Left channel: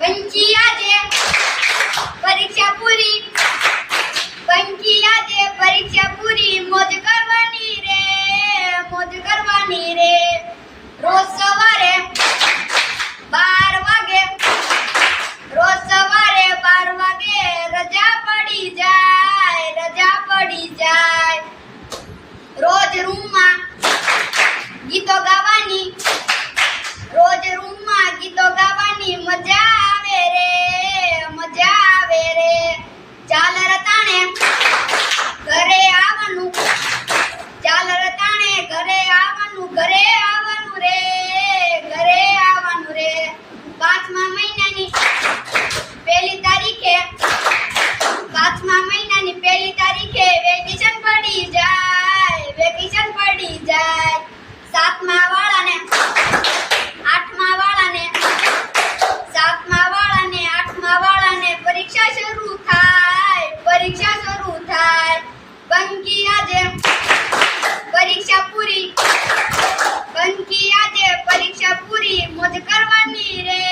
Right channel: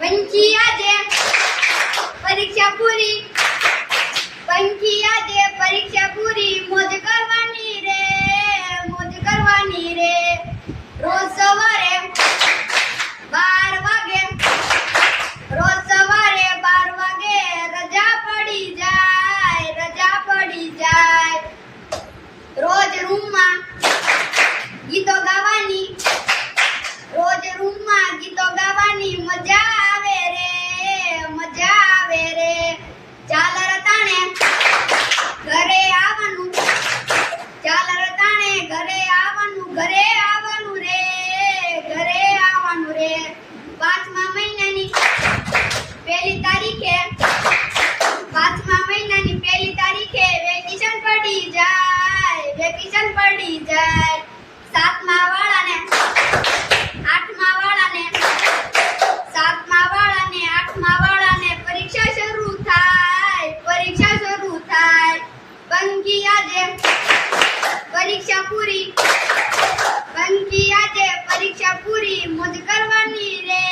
બંકી આજે પરીક્ષા પૂરી, બંકી આજે પરીક્ષા પૂરી, મોજ કરવાની રે, મોજ કરવાની રે. રોજ સવારે 12 વાગે, રોજ સવારે 12 વાગે રજા પડી જાય, રજા પડી જાય. રોજ રૂમમાં ગીતો ગાવાની, રોજ રૂમમાં ગીતો ગાવાની મજા આવે રે, મજા આવે રે. ચાલ રતાણે ઘરે આવવાનું, ચાલ રતાણે ઘરે આવવાનું, ઘરે આવવાનું રે, ઘરે આવવાનું રે. 5મા મહિનાની 1લી તારીખે, 5મા મહિનાની 1લી તારીખે વેકેશન પડી જાય, વેકેશન પડી જાય. 7મા વાળાને 8મા વાળાને, 7મા વાળાને 8મા વાળાને પરીક્ષા શરૂ થાય, પરીક્ષા શરૂ થાય. બંકી આજે પરીક્ષા પૂરી, બંકી આજે પરીક્ષા પૂરી, મોજ કરવાની રે,